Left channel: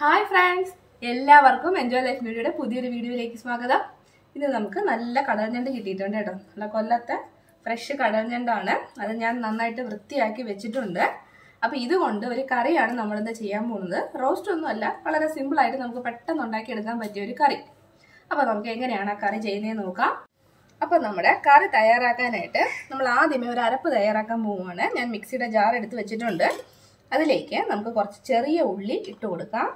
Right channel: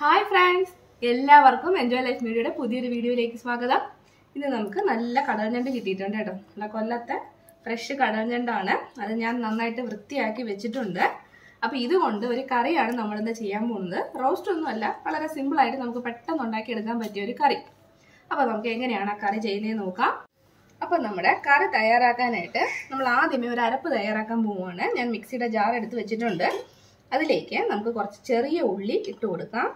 Hi friends, എല്ലാവർക്കും enjoy life മീഡിയയുടെ പുതിയൊരു വീഡിയോയിലേക്ക് സ്വാഗതം. ഇന്ന് നമുക്ക് നല്ല കടൽഞ്ഞണ്ട് കിട്ടിയിട്ടുണ്ട് കേട്ടോ. നല്ല കൊല്ലത്തെ ഫ്രഷ് കടൽഞ്ഞണ്ടാണ്. അത് ഞാൻ നന്നായിട്ട് വൃത്തിയാക്കി വെച്ചിട്ടുണ്ട്. അപ്പോൾ ഇതുകൊണ്ട് ഒരു കറിയാണ് നമ്മളിന്ന് ചെയ്യാൻ പോകുന്നത്. റോസ്റ്റ് ഒന്നുമല്ല, വളരെ സിമ്പിളായിട്ട് നമുക്ക് പെട്ടെന്ന് ഉണ്ടാക്കിയെടുക്കാൻ പറ്റിയ ഒരു കറി. അപ്പോൾ നമുക്ക് എങ്ങനെയാണ് ആ കറി ചെയ്യുന്നതെന്ന് നോക്കാം. അപ്പോൾ നമ്മുടെ കറി തയ്യാറാക്കാനായിട്ട് നമ്മൾ ആദ്യമേ ഒരു അരപ്പ് തയ്യാറാക്കാൻ പോവുകയാണ്. ഞാൻ മിക്സിയുടെ ജാർ എടുത്ത് വെച്ചിട്ടുണ്ട്. അതിലേക്ക് നമുക്ക് കുറച്ച് ചെറിയ ഉള്ളി ഇട്ട് കൊടുക്കാം.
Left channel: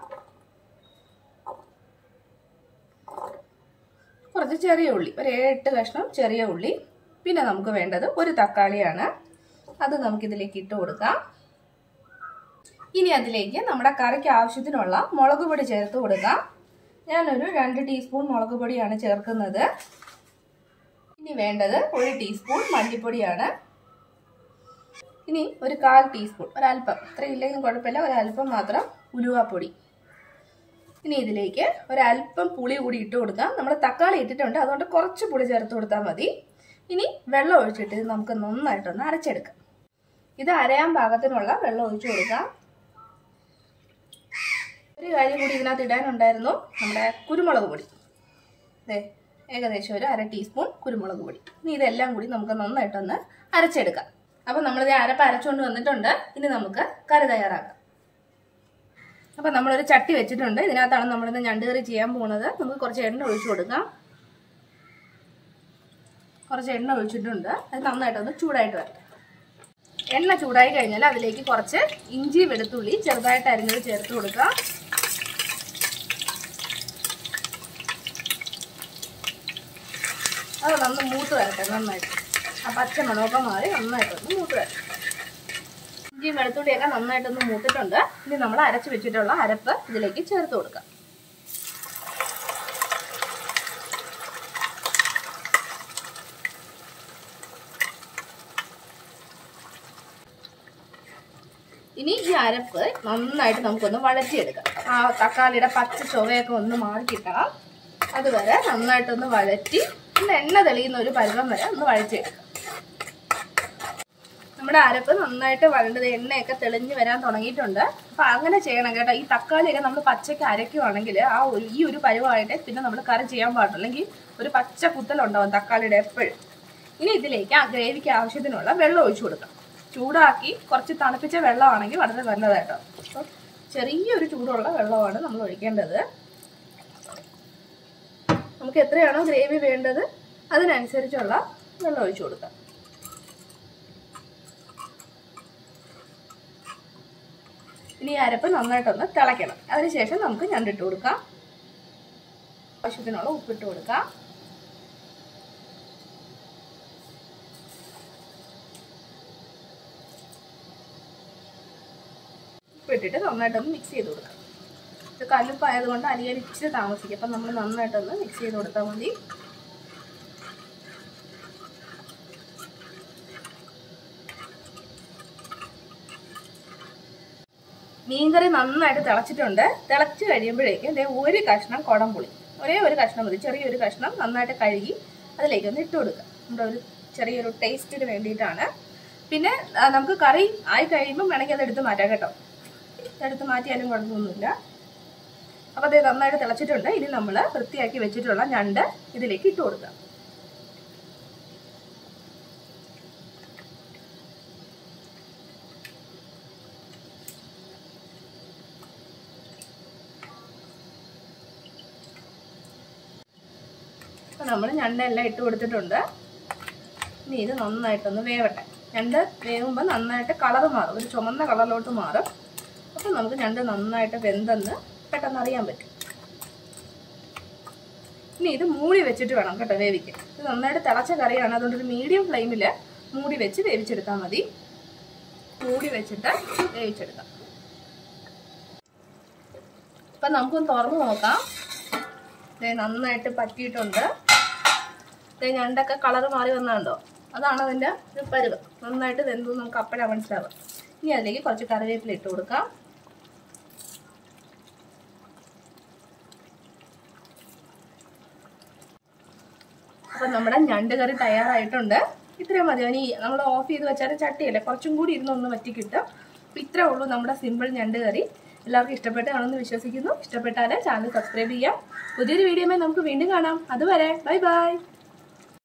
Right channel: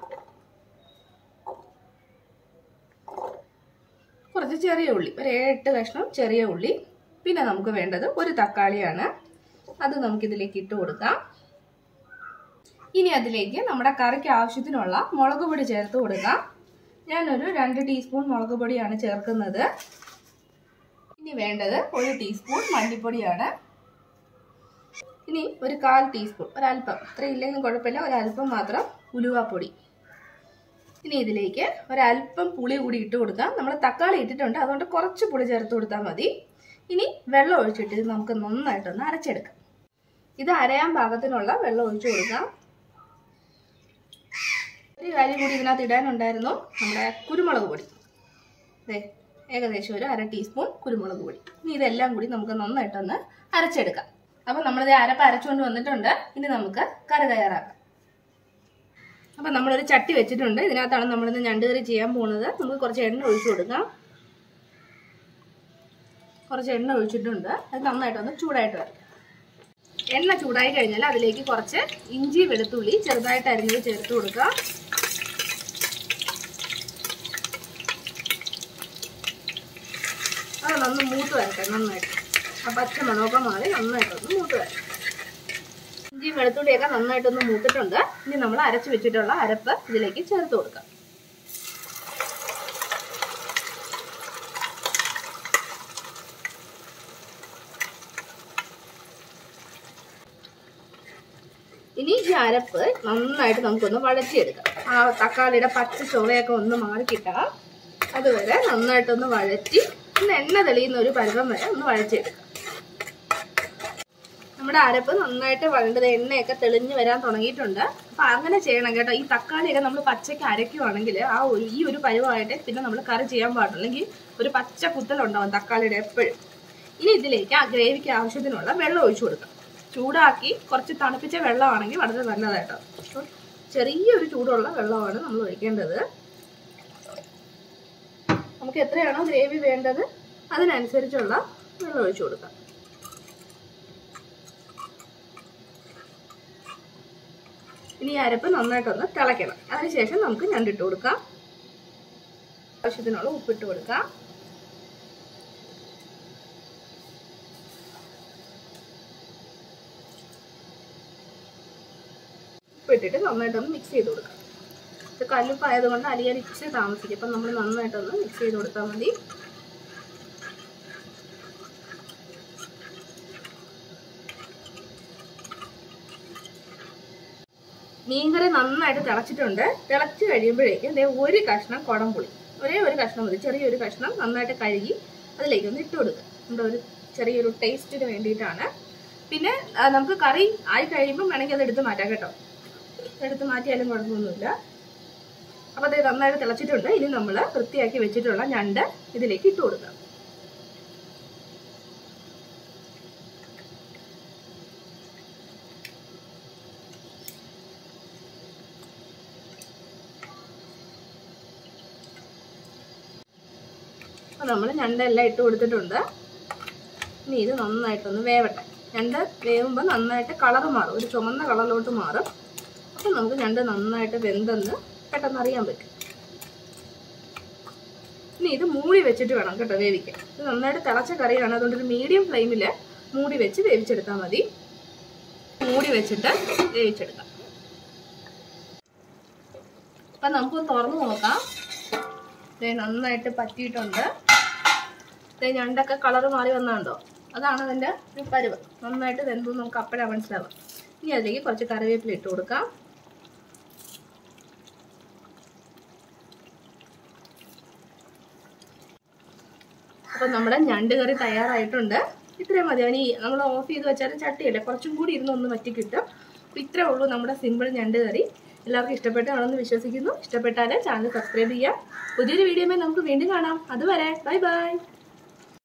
കുറച്ച് ചെറിയ ഉള്ളി, ഒരു 7-8 കഷ്ണം ചെറിയ ഉള്ളി. പിന്നെ നമുക്ക് വേണ്ടത് ഒരു തക്കാളിയാണ്. അത് നമുക്കിതിലേക്ക് ഇട്ട് കൊടുക്കാം. ഇനി അതിലേക്ക് നമ്മുടെ കറിക്ക് ആവശ്യത്തിനുള്ള മുളക് പൊടി ചേർത്ത് കൊടുക്കാം. ഞാനൊരു 2 ടീസ്പൂൺ മുളക് പൊടിയാണ് ചേർക്കുന്നത്. ഇനി വേണ്ടത് 1 ടീസ്പൂൺ മല്ലിപ്പൊടിയാണ്. ഇനി ഒരു 1/4 ടീസ്പൂൺ, ഒരല്പം, ഇത്ര ഇല്ലെങ്കിലും കുഴപ്പമില്ല, ഒരല്പം മാത്രം ഉലുവാപ്പൊടി. ഇനി ഇതിലേക്ക് ഒരല്പം പുളി കൂടി ഇട്ട് കൊടുക്കാം. നമ്മൾ തക്കാളി ഇട്ടിട്ടുണ്ട്, അതുകൊണ്ട് കുറച്ച് പുളി ചേർത്ത് കൊടുത്താൽ മതി. ഇനി വെള്ളം ഒഴിച്ചിട്ട് ഇത് നമുക്ക് നന്നായിട്ടൊന്ന് അരച്ചെടുക്കാം. ഇത് അരയാൻ പാകത്തിനുള്ള വെള്ളം ഒഴിച്ചു കൊടുക്കാം. ഒരു കാര്യം കൂടി ഇതിനകത്ത് ഇടാനുണ്ടായിരുന്നു, നമ്മുടെ കുരുമുളക് പൊടി. ഏകദേശം ഒരു 1/2 ടീസ്പൂൺ കുരുമുളക് പൊടി. ഇനി ഇതെല്ലാം കൂടി നമുക്ക് നന്നായിട്ടൊന്ന് അരച്ചെടുക്കാം. അപ്പോൾ നമ്മളിത് അരപ്പ് അരച്ചുകൊണ്ട് വന്നിട്ടുണ്ട്. ഇനി നമുക്ക് കറി തയ്യാറാക്കാം. അപ്പോൾ നമ്മളൊരു ചട്ടി വെച്ചിട്ടുണ്ട്. ഇതിനകത്താണ് നമ്മളിന്ന് ഞണ്ട് കറി ചെയ്യാൻ പോകുന്നത്. നമുക്ക് കുറച്ച് എണ്ണ ഒഴിച്ചു കൊടുക്കാം. കുറച്ച് എണ്ണ ഒഴിച്ചിട്ടുണ്ട്. അത് നന്നായിട്ടൊന്ന് ചൂടായിട്ട് വരട്ടെ. എണ്ണ ചൂടായി കഴിഞ്ഞാൽ അതിലേക്ക് കുറച്ച് ഇഞ്ചി വെളുത്തുള്ളി ചെറുതായിട്ട് അരിഞ്ഞത് ചേർത്ത് കൊടുക്കുക. അത് നന്ന് മൂത്ത് വരട്ടെ. നന്നായിട്ട് ആ പച്ച മണമൊക്കെ മാറി നന്നായിട്ടൊന്ന് മൂത്ത് വരട്ടെ. ഇഞ്ചി വെളുത്തുള്ളിയൊക്കെ നന്നായിട്ടൊന്ന് മൂത്തിട്ടുണ്ട്. ഇനി നമ്മൾ അരച്ച് വെച്ചിട്ടുള്ള അരപ്പ് ഇതിലേക്ക് ചേർത്ത് കൊടുക്കാം. ഇനി ഈ അരപ്പ് നന്നായിട്ട് നമുക്കൊന്ന് വഴറ്റിയെടുക്കാം. ആ തക്കാളിയുടെ പച്ച ചുവയൊക്കെ ഒന്ന് മാറി കിട്ടണം. അതുവരെ നന്നായിട്ടൊന്ന് വഴറ്റി എണ്ണ തെളിയുന്ന ഒരു പരുവം വരെ ഒന്ന് വഴറ്റിയെടുക്കാം. നമ്മുടെ അരപ്പ് നന്നായിട്ട് വഴണ്ടത് എണ്ണയൊക്കെ തെളിഞ്ഞ് വരാൻ തുടങ്ങിയിട്ടുണ്ട്. അപ്പം അങ്ങനെ ചെയ്യണം കേട്ടോ. ഈ തക്കാളിയൊക്കെ നമ്മൾ പച്ചയ്ക്ക് അരയ്ക്കുവാണെങ്കിൽ ഈ ഒരു പരുവമായിട്ട് പിന്നെ നമ്മൾ കറി ചെയ്യാൻ പാടില്ല. അല്ലെങ്കിൽ ഒരു പച്ച കുത്തലുണ്ടാവും തക്കാളിയുടെ എപ്പോഴും. ഇനി ഇതിലേക്ക് ആ ഗ്രേവിക്ക് ആവശ്യത്തിനുള്ള വെള്ളം ഒഴിച്ചു കൊടുക്കാം. ചൂടാക്കി കുറച്ച് തണുപ്പിച്ച വെള്ളമാണെങ്കിൽ വളരെ നല്ലതായിട്ടോ. അപ്പം ചെറിയൊരു ചൂടുള്ള വെള്ളമാണ് നമ്മൾ ഒഴിക്കേണ്ടത്. നമുക്ക് എത്രയാണോ ഗ്രേവി വേണ്ടത് അതിനനുസരിച്ചുള്ള വെള്ളം ഒഴിച്ചു കൊടുക്കാം. ഇനി അരപ്പ് നന്നായിട്ടൊന്ന് തിളയ്ക്കണം. അതിനുശേഷം നമുക്ക് ഞണ്ടിട്ട് കൊടുക്കാം. ആവശ്യത്തിനുള്ള ഉപ്പിട്ട് കൊടുക്കാം. ഉപ്പിട്ടിട്ട് നന്നായിട്ടൊന്ന് മിക്സ് ചെയ്ത് കൊടുക്കാം. ഇത് കല്ലുപ്പായതുകൊണ്ട് അലിയാൻ ഇച്ചിരി താമസിക്കും. അപ്പം നമ്മൾ നന്നായിട്ടൊന്ന് മിക്സ് ചെയ്ത് കൊടുത്താൽ മതി. മീൻകറി നന്നായിട്ട് തിളച്ചിട്ടുണ്ട്. തിളച്ച് കഴിയുമ്പോഴേക്കും ഒരു കഷ്ണം കുടംപുളി, ഒരേ ഒരു കഷ്ണം മതി, ചെറിയൊരു കഷ്ണം നന്നായിട്ട് കഴുകി അതിലേക്കൊന്ന് ഇട്ട് കൊടുക്കുക. നമ്മുടെ ഒരു ചെറിയൊരു ടേസ്റ്റിന് വേണ്ടിയിട്ടാണ്. പിന്നെ നമുക്ക് കറി ആയി കഴിയുമ്പം വേണമെങ്കിൽ അത് എടുത്ത് മാറ്റാം കേട്ടോ. എടുത്ത് മാറ്റിയാലും കുഴപ്പമൊന്നുമില്ല. അപ്പോൾ അത് നന്നായിട്ട് തിളച്ചിട്ടുണ്ട്. ഇനി നമ്മൾ വൃത്തിയാക്കി വെച്ചിട്ടുള്ള ഞണ്ട് ഇതിലേക്ക് ഇട്ട് കൊടുക്കാം. അപ്പോൾ നമ്മൾ ഞണ്ടെല്ലാം ഇട്ട് കൊടുത്തിട്ടുണ്ട്. ഇനി ഇത് നന്നായിട്ടൊന്ന് വേവട്ടെ. ഞണ്ട് വേവുമ്പോൾ നന്നായിട്ട് കളറ് മാറും, ഒരു ചുമന്ന കളറിലോട്ട് മാറും. അപ്പോൾ നമുക്ക് ഞണ്ട് നന്നായിട്ട് വെന്തെന്ന് പെട്ടെന്ന് അറിയാൻ പറ്റും. ഇനി ഇത് മൂടി വെച്ചിട്ട് വേണം കേട്ടോ വേവിക്കാൻ. ഇത് നന്നായിട്ട് തിളച്ച കറിയാണ്, അതുകൊണ്ട് ഒരു മീഡിയം ഫ്ലെയിമിൽ മൂടി വെച്ച് വേവിച്ചെടുത്താൽ മതി. മൂടി വെച്ചിട്ട് വേവിച്ചെടുക്കാം. അപ്പം നമുക്കൊന്ന് തുറന്ന് നോക്കാം. ഇത് നന്നായിട്ട് പറ്റിയിട്ടുണ്ട്. ഇത് ഞണ്ടൊക്കെ കളറ് മാറി വന്നുണ്ടോ, അതാണ് അതിൻ്റെ ഒരു പരുവം. നന്നായിട്ട് വെന്തെന്ന് നമുക്ക് അപ്പോഴാണ് മനസ്സിലാവുക. ഇനി അതിലേക്ക് കുറച്ച് കറിവേപ്പില ഇട്ട് കൊടുക്കാം. അപ്പം നമ്മുടെ ഞണ്ട് കറി തയ്യാറായിട്ടുണ്ട്. ഇത്രയും മതി. ഇനി നമ്മൾ ഓഫ് ചെയ്ത് വെച്ചാൽ ചട്ടിയല്ലേ, കുറച്ചും കൂടി ഇരുന്നൊന്ന് വറ്റി കിട്ടും. അപ്പോൾ ഇത്രേ ഉള്ളൂ നമ്മുടെ സിമ്പിൾ ഞണ്ട് കറി. എല്ലാവർക്കും ഇഷ്ടപ്പെട്ടാണെന്ന് വിശ്വസിക്കുന്നു. ഇഷ്ടപ്പെട്ടാൽ ചാനൽ സബ്സ്ക്രൈബ് ചെയ്യാം. പുതിയൊരു വീഡിയോയുമായി നമുക്ക് വീണ്ടും കാണാം. അതുവരെ ബൈ ബൈ.